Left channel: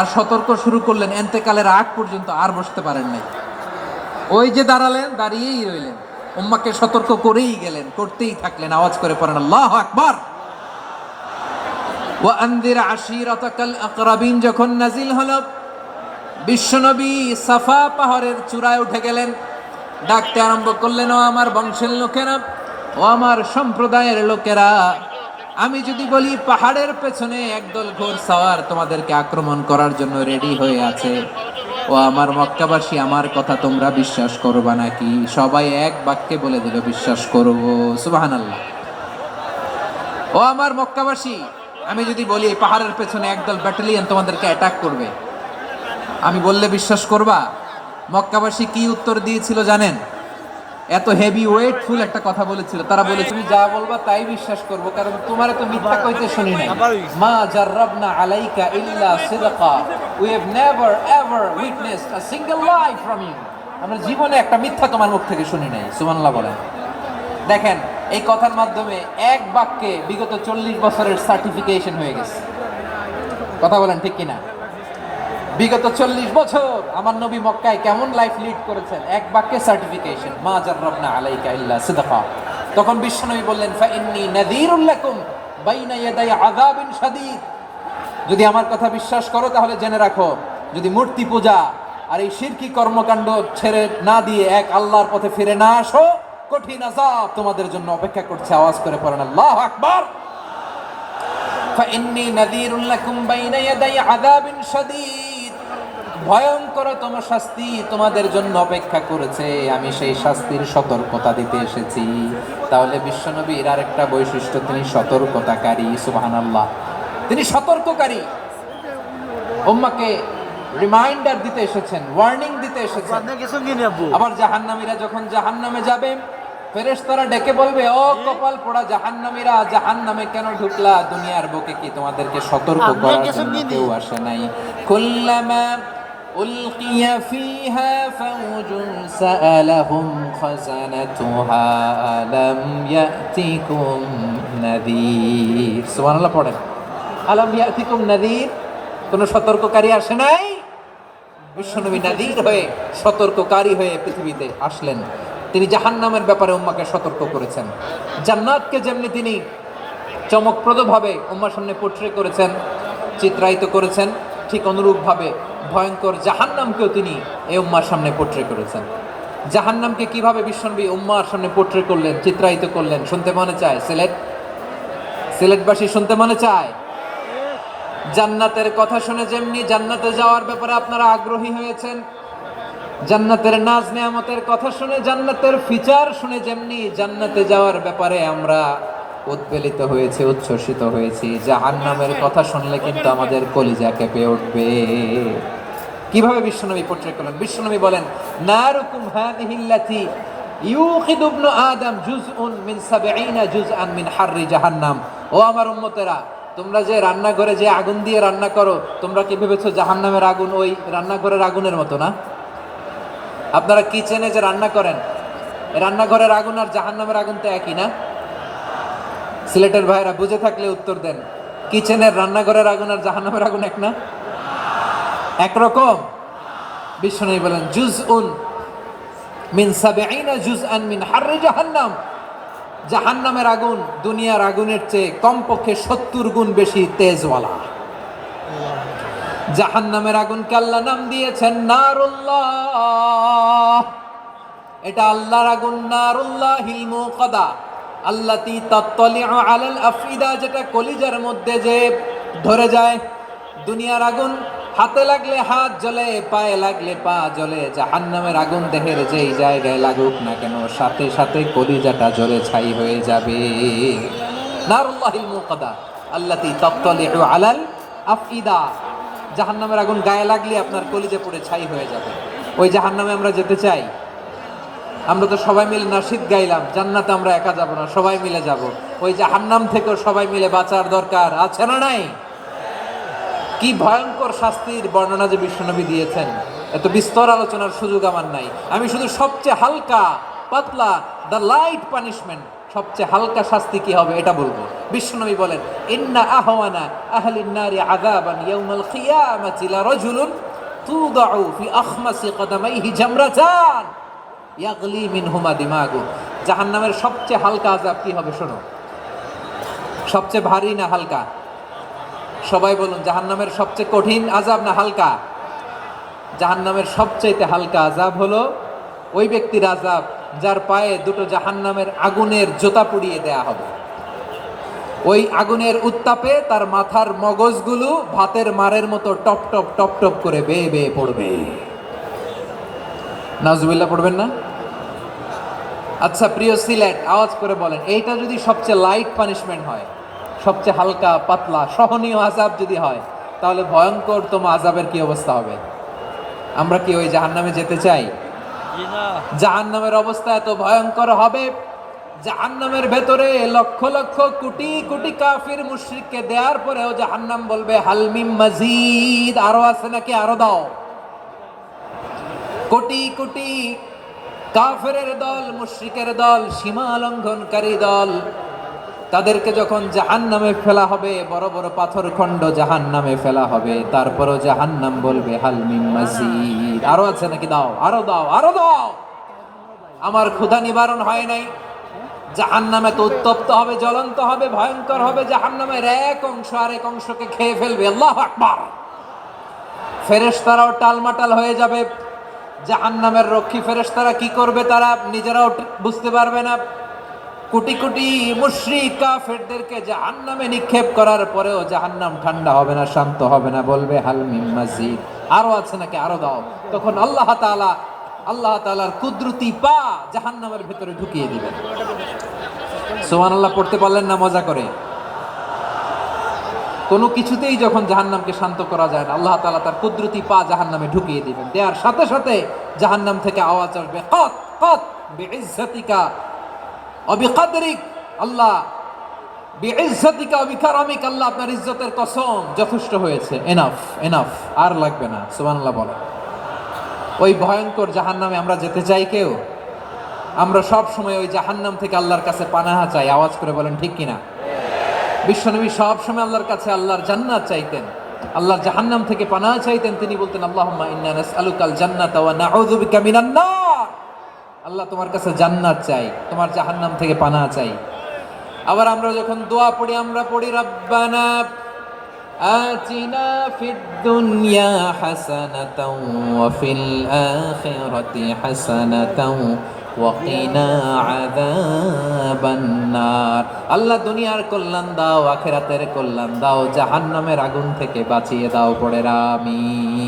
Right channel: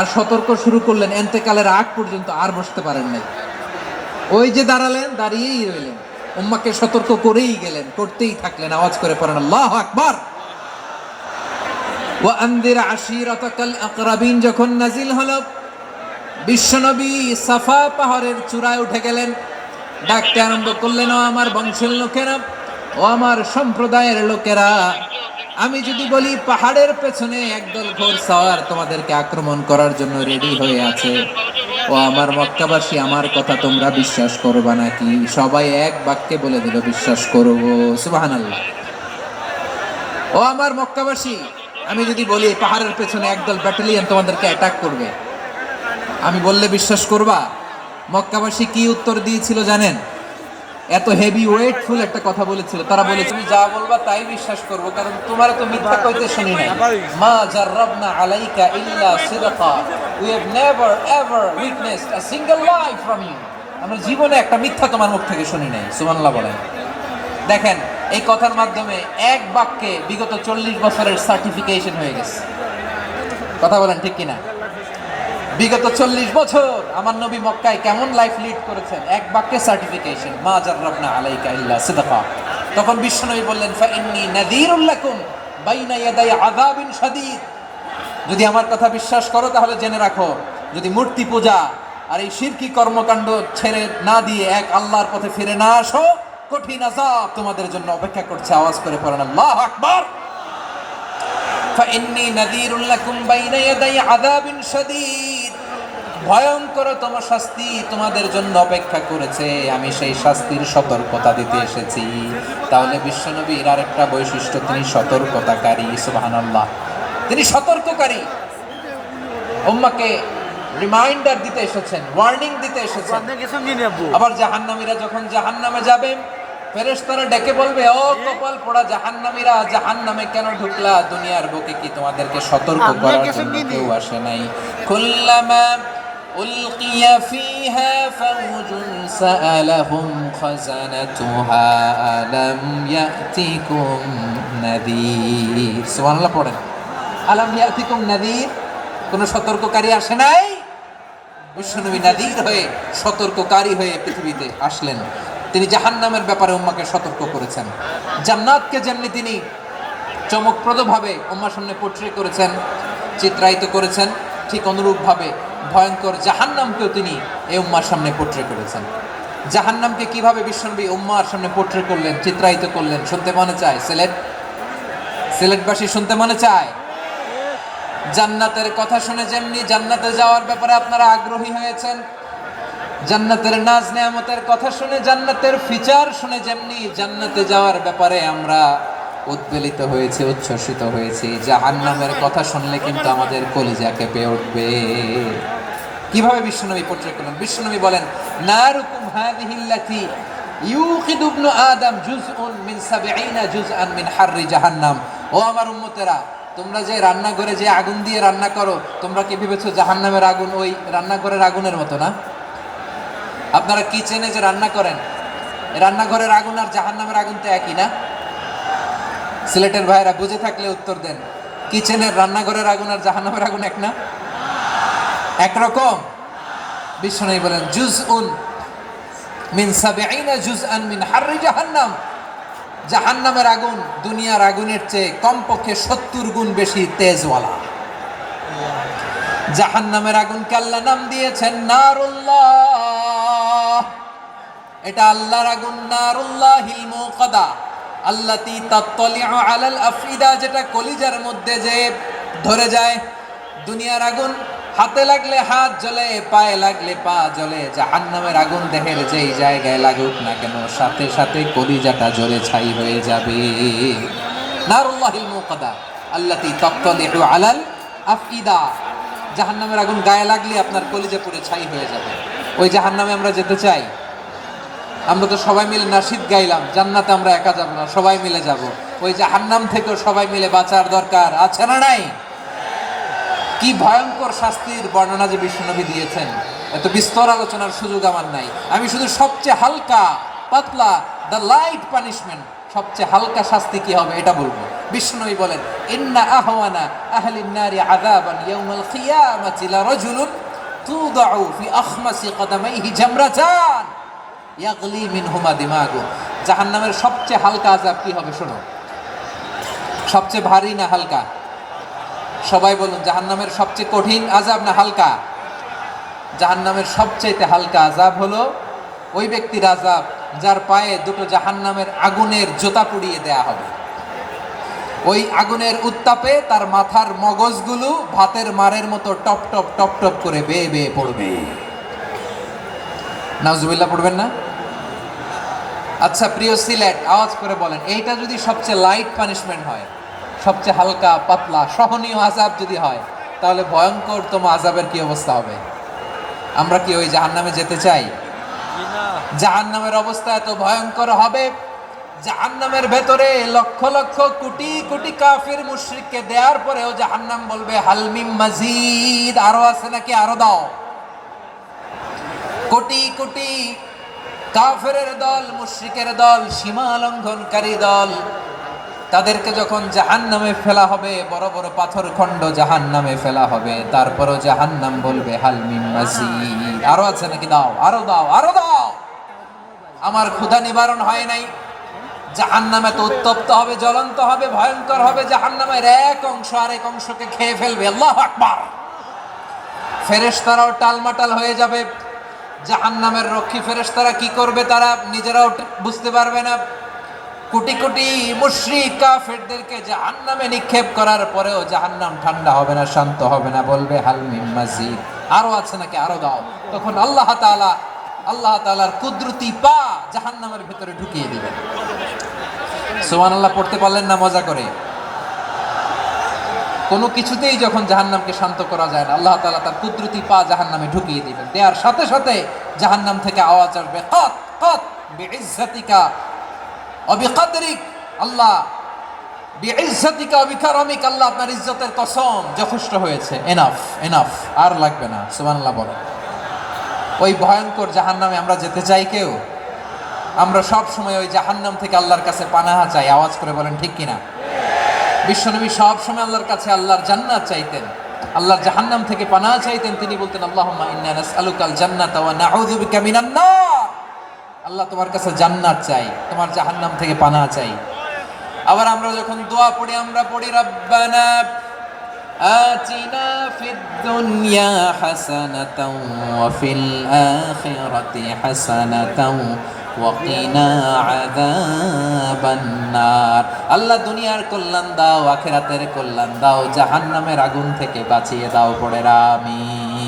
আর সতর্ক শুরু করলেন, এন্তেকালের আগ পর্যন্ত আর বসতে পারেন নাই। ওই যে দাঁড়ালেন, দাঁড়িয়েই রইলেন, উম্মাকে সতর্ক করেই গেলেন, করতেই থাকলেন। আওয়াজ করে পড়েন আল্লাহু আকবার। ওয়া আনদির আশিরাতাকাল আকরাবিন যখন নাজিল হলো, বিশ্বনবী সাফা পাহাড়ের চূড়ায় উঠে গেলেন, ডাকতে আরম্ভ করলেন, ও আমার বংশের লোকেরা, ও আমার সম্প্রদায়ের লোকেরা, আমি যদি বলি পাহাড়ের পেছনে একদল ঘোড়সাওয়ার তোমাদেরকে আক্রমণ করার জন্য রেডি হয়ে আছে, ও আমার মক্কাবাসী, আমার কথা তোমরা বিশ্বাস করবা নাকি? সবাই এক বাক্যে বলে দিল, বিশ্বাস করব। সুবহানাল্লাহ। ও আমার মক্কাবাসী, আমি যদি বলি পাহাড়ের পেছনে একদল ব্যাটালিয়ন তোমাদেরকে অ্যাটাক করবে, আমি বললে বিশ্বাস করবা? মক্কাবাসী কি উত্তর দিয়েছিল জানেন? এত হেভি ওয়েটফুল একটা কথা বলেছিল। তারা বলে, তুমি যা বলবা তাই বিশ্বাস করব, কারণ তোমার তো মিথ্যা কইতে শুনি নাই। মা জাররাবনা আলাইকা ইল্লা সিদকা, we have never ever witnessed a single lie from you. আমরা জীবনে একটা মিথ্যা তোমার মুখ থেকে শুনি নাই। সুবহানাল্লাহ বলেন। দেখেন, এই কথার মাধ্যমে এক বাক্যে বিগত 40 বছরের সার্টিফিকেশন হয়ে গেছে। কথা বলেন ঠিক কিনা? বিগত 40 বছর আমার নবী মক্কায় কেমন লাইফ লিড করেছেন, এক বাক্যে সার্টিফিকেশন, মা জাররাবনা আলাইকা ইল্লা সিদকা। তখন বিশ্বনবী বললেন, ফা ইন্নী নাযীরুল লাকুম বাইনা ইয়াদাই আযাবিন শাদীদ। যদি আমার কথা বিশ্বাস করো তাহলে জেনে রাখো, যদি মূর্তি পূজা আর এই শিরকি কর্মকাণ্ড ছেড়ে না দিয়ে এক আল্লাহর পথে ফিরে না আসো, কঠিন আযাব তোমাদের জন্য অপেক্ষা করছে। আওয়াজ করে পড়েন আল্লাহু আকবার। ফা ইন্নী নাযীরুল লাকুম বাইনা ইয়াদাই আযাবিন শাদীদ। ভয়ঙ্কর তোমার শাস্তি তোমাদের জন্য অপেক্ষা করেছে, আমি সেই শাস্তির সতর্কতা দিতে এসেছি। তাহলে বিশ্বনবীর আরেকটা বৈশিষ্ট্য, তিনি সতর্কতাকারী। সুবহানাল্লাহ, তিনি সতর্ককারী। উম্মাহকে রিমাইন্ডার দিতে এসেছেন, ওয়ার্নিং দিতে এসেছেন। আবার জাহান্নামীরা যখন জাহান্নামে যাবে, ফেরেশতারা ডেকে বলবে, ও কপাল পোড়া জাহান্নামীরা, জাহান্নামে কেন ঢুকলা? দুনিয়ার বুকে কি তোমাদেরকে সতর্ক করার জন্য কেউ আসে নাই? কুল্লামা উলকিয়া ফিহা ফাউজুন সাআলাহুম খাযানাতুহা আলাম ইয়াতিকুম নাযীর। সুবহানাল্লাহ পড়েন। আলাম ইয়াতিকুম নাযীর, কোন সতর্ককারী আসে নাই? বিশ্বনবী নাযীর হয়ে, সতর্ককারী হয়ে পৃথিবীতে আসলেন। তিনি জাহান্নামের ব্যাপারে উম্মাকে সতর্ক করেছেন। জান্নাতকে যেমনি তিনি চমকপ্রদভাবে উম্মার সামনে পোট্রে করেছেন, চিত্রায়িত করেছেন, ঠিক অনুরূপভাবে ভয়ঙ্কর জাহান্নামকেও তিনি এই উম্মার সামনে পোট্রে করেছেন। জাহান্নামকে কিভাবে বিশ্বনবী উম্মার সামনে পোট্রে করলেন, চিত্রায়িত করলেন, শুনতে মনে চায়? সিলেটবাসী শুনতে মনে চায়? জান্নাতের কথা শুনে যেমনি জান্নাতে যাওয়ার ব্যাপারে আপনারা আগ্রহী হয়েছেন, জান্নাতের নাজ নেয়ামতের কথা শুনে, জান্নাতের ফিচার শুনে যেমনি জান্নাতে যাওয়ার ব্যাপারে আমরা উদ্বেলিত হয়েছি, উচ্ছ্বসিত হয়েছি, জাহান্নামের কথা শুনলে কিন্তু আমাদের কলিজা কেঁপে উঠবে। কিভাবে বিশ্বনবী পোট্রে করলেন? বিশ্বনবী বলেন, নারুকুম হাযিহিল্লাতী ইউকিদু ইবনু আদম জুজউন মিন ৭০ জুজআন মিন হাররি জাহান্নাম। ও আমার উম্মতেরা, তোমরা যে রান্নাঘরে যে আগুন দিয়ে রান্না করো, তোমরা কি ভেবেছো জাহান্নামের আগুন ওই রান্নাঘরের আগুনের মতো না? আপনারা কিচেনে যে রান্না করেন, রান্নাঘরের আগুন আর জাহান্নামের আগুন তো একই না? সিলেটের ভাইরা বুঝে থাকলে উত্তর দেন। কিচেনের রান্নাঘরের আগুন আর জাহান্নামের আগুন এক না? একরকম? বিশ্বনবী বলেন, জুজউন মিন ৭০ জুজআন মিন হাররি জাহান্নাম। জাহান্নামের আগুন দুনিয়ার আগুনের চেয়ে কমপক্ষে ৭০ গুণ বেশি তেজওয়ালা। জাহান্নামের আগুনকে আল্লাহ নাম দিয়েছেন নারুল্লাহ। এটা আল্লাহর আগুন, নারুল্লাহিল মুকাদা আল্লাতী তাত্তালিউ আলাল আফইদা, যেটা কলিজার মধ্যে যে ধরে যায়। দুনিয়ার আগুন হাতে লাগলে হাত জ্বলে, পায়ে লাগলে পা জ্বলে। জাহান্নামের আগুন দেহের যেই জায়গায় লাগুক না কেন, সাথে সাথে কলিজাটা জ্বলে ছাই হয়ে যাবে। নারুল্লাহিল মুকাদা আল্লাতী তাত্তালিউ আলাল আফইদা। জাহান্নামের আগুন গায়ে লাগলে আপনার কলিজা পুড়ে ছাই হয়ে যাবে। ওই জাহান্নামে আমরা যেতে চাই? আমরা তো সবাই মিলে নাশিদ গাইলাম, জান্নাতে আমরা একা যাব না, সবাই মিলে যাব। ওই জাহান্নাম থেকেও সবাই মিলে বাঁচার দরকার আছে না নাই? কি ভয়ঙ্কর শাস্তির বর্ণনা যে বিশ্বনবী দিয়েছেন, এত বিস্তর আলোচনার সুযোগ আমার নাই। আমি শুধু সবচেয়ে হালকা পাতলা, দ্য লাইট পানিশমেন্ট, সবচেয়ে হালকা শাস্তি কি হবে এটা বলবো। বিষ্ণুনবী বলেন, ইন্না আহওয়ানা আহলিন নারি আযাবান ইয়াউমাল কিয়ামাতি লা রাজুলুন তুদাউ ফি আখমাসি কদামাইহি জামরাতান ইয়াগলি মিনহুমা দিমাগু। জাহান্নামের সবচেয়ে হালকা আযাব কি হবে শোনো। সবচেয়ে ভারী না হালকা? সবাই বলুন, জাহান্নামের সবচেয়ে কঠিন আযাব না হালকা? জাহান্নামের সবচেয়ে হালকা আযাব হলো ওই ব্যক্তির আযাব যার পায়ে দুটো জাহান্নামের আগুনের জোতা পুড়িয়ে দেয়া হবে। ওই আগুনের উত্তাপে তার মাথার মগজগুলো ভাতের মারের মতো টপ টপ টপ টপ করে বেয়ে বেয়ে পড়বে। নাউজুবিল্লাহ পড়বেন না? আচ্ছা প্রিয় সিলেট, আওয়াজ করে বলেন, এইটা যদি সবচেয়ে লাইট পানিশমেন্ট হয়, সবচেয়ে হালকা পাতলা সহনীয় আযাব যদি হয়, তাহলে ভয়ঙ্কর তোমার আযাবের কি অবস্থা হবে? আমরা কি ওই জাহান্নামে যেতে চাই? জাহান্নামের অবস্থা এত ভয়ঙ্কর হবে, জাহান্নামের ভেতরে লক্ষ লক্ষ কোটি কোটি কাফির মুশরিককে দেওয়ার পরেও জাহান্নাম বলবে হালমিম মাজিদ, আরো আছে নাকি, আরো দাও। কোটি কোটি কাফেরের দল, মুশরিকের দল, সীমা লঙ্ঘনকারী দল, তাদেরকে যখন জাহান্নামে ফেলা হবে, বড় বড় পাথর খণ্ড জাহান্নামে ফেলা হবে, তারপরও জাহান্নাম বলবে হালমিম মাজিদ, আরো আছে নাকি, দাও, আরো দাও, আরো দাও। আমার ক্ষুধা নিবারণ হয় নাই। জাহান্নামে তো উত্তপ্ত হবে, জ্বলন্ত হবে, ভয়ঙ্কর হবে। জাহান্নামের এক অংশ আরেক অংশকে খেয়ে ফেলবে। আল্লাহু আকবার। ফেরেশতারাও টালমাটাল হয়ে যাবে। জাহান্নামের রক্ষী ফেরেশতারা কি করবে তারা নিজেরাও বুঝতে পারবে না। কোটি কোটি মুশরিক কাফেরদেরকে জাহান্নামে নিক্ষেপ করার পরেও জাহান্নাম ঠান্ডা হবে না, শান্ত হবে না, বলবে হাল মিন মাজিদ, আরো আছে নাকি, আরো দাও। তখন আল্লাহ তাআলার কুদরতি পা জাহান্নামের ভিতরে ঢুকিয়ে দিবেন। সুবহানাল্লাহ পড়তে পারলেন না মজা করে? কোনো কিছুতেই যখন জাহান্নামকে শান্ত করা যায় না, আল্লাহ তাআলা তার কুদরতি পা জাহান্নামে ঢুকিয়ে দিবেন। দেওয়ার সাথে সাথে জাহান্নাম থেকে আওয়াজ আসবে, কাত কাত বিইজ্জাতিকা ওয়া বিকদরিক, আল্লাহ বিইজ্জাতিকা ওয়া বিকারামিক, আল্লাহ আপনার ইজ্জতের কসম, যথেষ্ট হয়েছে, এনাফ এনাফ, আর লাগবে না। সুবহানাল্লাহ বলো। ওই ভয়ঙ্কর জাহান্নামে আমরা যেতে চাই কেউ? আমরা সব সময় ওই জাহান্নাম থেকে আল্লাহর কাছে পানাহা চাই। আওয়াজ করে বলেন ঠিক কিনা? বিশ্বনবী সব সময় আল্লাহর কাছে আল্লাহর জান্নাত চাইতেন, আল্লাহর জাহান্নাম থেকে পানাহা চাইতেন। তিনি বলতেন, আল্লাহুম্মা ইন্না নাসআলুকাল জান্নাতা ওয়া নাউযু বিকা মিনান নার। আল্লাহ তোমার কাছে জান্নাত চাই, তোমার জাহান্নাম থেকে পানাহা চাই। আবার আমরা যখন দোয়া পড়ি, আমরা পড়ি রব্বানা আতিনা ফিদ দুনিয়া হাসানাতাও ওয়া ফিল আখিরাতি হাসানাতাও ওয়া কিনা আযাবান নার। আল্লাহ দুনিয়ার কল্যাণ দাও, আখিরাতের কল্যাণ দাও, জাহান্নামের আগুন থেকে বাঁচিয়ে দাও, পড়ে আমিন।